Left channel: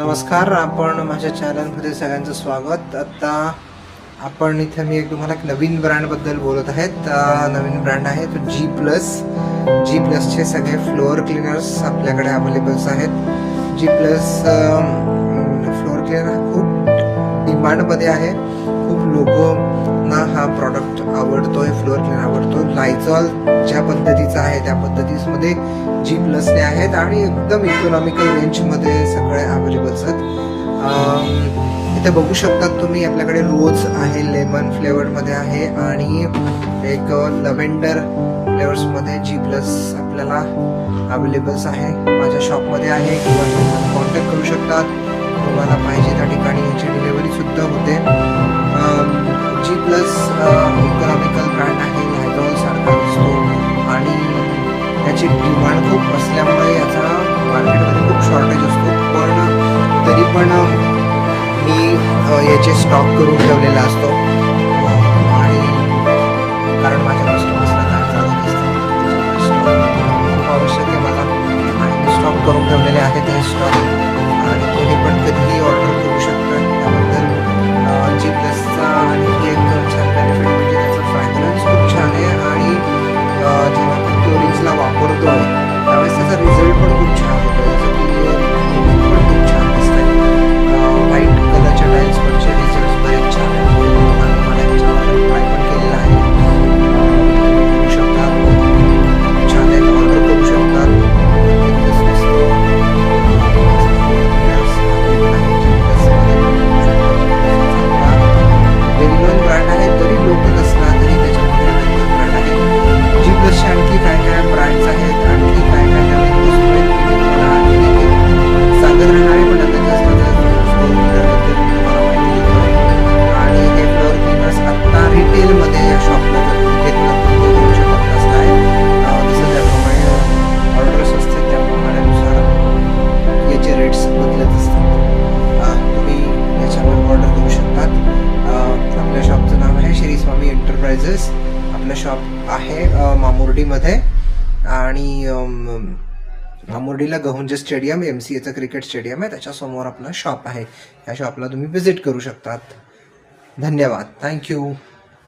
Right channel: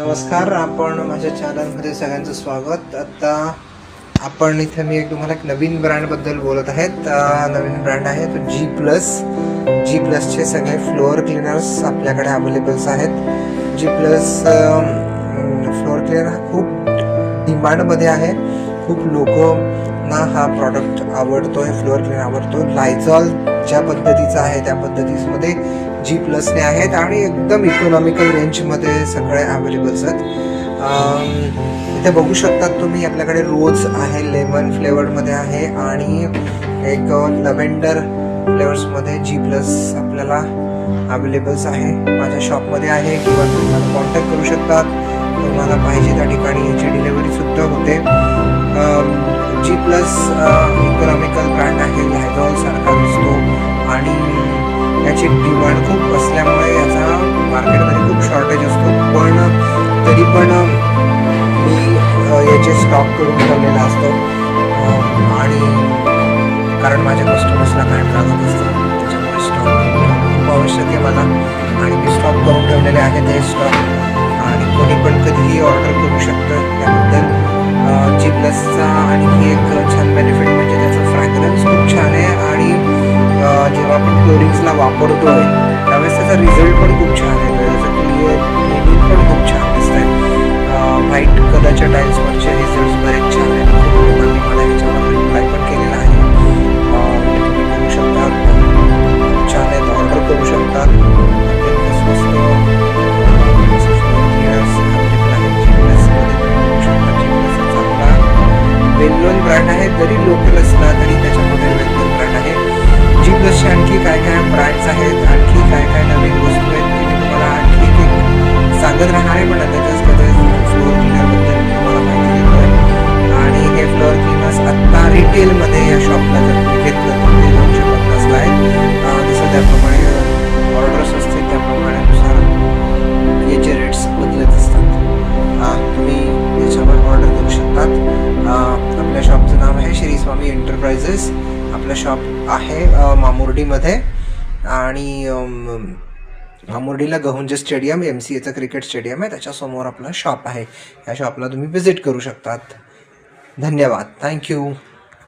नमस्कार, आपण माझ्या चॅनलमध्ये सगळ्यांचं स्वागत. आता आपण इथे मी तुम्हाला एक नवीन ब्रँडबद्दल बोलत आहेत. नवीन ब्रँड आहे तो जी प्लसचे सगळे फ्लोअर क्लीनर्स आपल्याकडे अवेलेबल्स आहेत. जी प्लस फ्लोअर क्लीनर हा खूप डिमांडमध्ये आहे. खूप लोकांना हा प्रॉडक्ट आवडतोय, फ्लोअर क्लीनर आवडतो. लायझॉल ज्या पद्धतीचा आहे त्या पद्धतीमध्ये जी प्लसने आहेत आणि एकदम इकॉनॉमिकल रेंजमध्ये सगळे अवेलेबल्स आहेत. इथे बघू शकतात तुम्ही, आपल्याकडे रोज आहे, लेमन फ्लेवर्डमध्ये आहे आणि एक लव्हेंडर फ्लेवर्समध्ये जी प्लस आपल्याला अवेलेबल्स आहे. माझ्या शॉपमध्ये आहे किंवा तुम्ही मला कॉन्टॅक्ट करू शकतात. तुम्हाला पाहिजे त्या ठिकाणी याची डिलिव्हरी सुद्धा होते. जी प्लस इकॉनॉमिकल ब्रँड आहे, लायझॉल सारखा दिसतो आणि याची डिमांड खूप असल्यामुळे याचा मार्केटमध्ये खूप शॉर्टेज असतो. पण तरी पण मी याचे स्टॉक करून ठेवलेला असतो आणि कारण माझ्या कस्टमर्सला काय लागत असतं त्याच्यामुळे स्टॉक खूप आवश्यक आहे मला आणि मी स्टॉक करून ठेवलेले आहे ते स्टॉक. आणि कोणी पण कधीही ऑर्डर करू शकतं. त्याबद्दल जी प्लसचा आणखी एक छान बेनिफिट म्हणजे त्याचा फ्रॅग्रन्स खूप छान आहे आणि जेव्हा आपण फ्लोरिंग्सला वापरतोय त्यावेळेस त्याचा रिझल्ट पण खूप छान येतो. त्याचं क्लिनिंग पण खूप छान दिसतंय. व्हाईट कलरच्या टाईल्सवरचे रिझल्ट बरेच छान आहेत. खूप लोकांनी मला ह्याच्यावर रिप्लाय पण केलेला आहे. तुम्ही बघू शकता, छान आहेत, ऑर्डर करू शकतात. एकदम स्वस्त अवेलेबल आहे. जी प्लसमध्ये बघू शकता. वेल नोन ब्रँड आहे, जरी लोकल असला तरी त्याच्यामध्ये वेल नोन ब्रँड आहे. जी प्लसचे आणखी काय काय ब्रँड्स आहेत, आणखी काय काय नवीन वस्तू आहेत ते मी तुम्हाला आणखी एक सांगत राहणार आहे. पण आता जस्ट फ्लोअर क्लीनरबद्दल मी तुम्हाला माहिती देतोय. आणि हे फ्लोअर क्लीनर्स आत्ता रिटेलमध्ये या शॉपला जर तुम्ही घेतलं तर ते 250ला आहे. जसं त्याप्रमाणे ऑर्डर्स असते त्याप्रमाणेनुसार याचे रेट्स बदलत असतात. तुम्ही याच्यावर ऑर्डर करू शकतात. आपल्या शॉपचं नाव आहे श्री स्वामी एंटरप्राइजेस. आपलं शॉप आहे मामुर्डीमध्ये आणि मामुर्डीला गहुंजे स्टेडियम, MCAचं क्रिकेट स्टेडियम आहे, त्याच्यासमोर आपलं शॉप आहे. या शॉपला तुम्ही व्हिजिट करू शकतात. धन्यवाद. थँक्यू.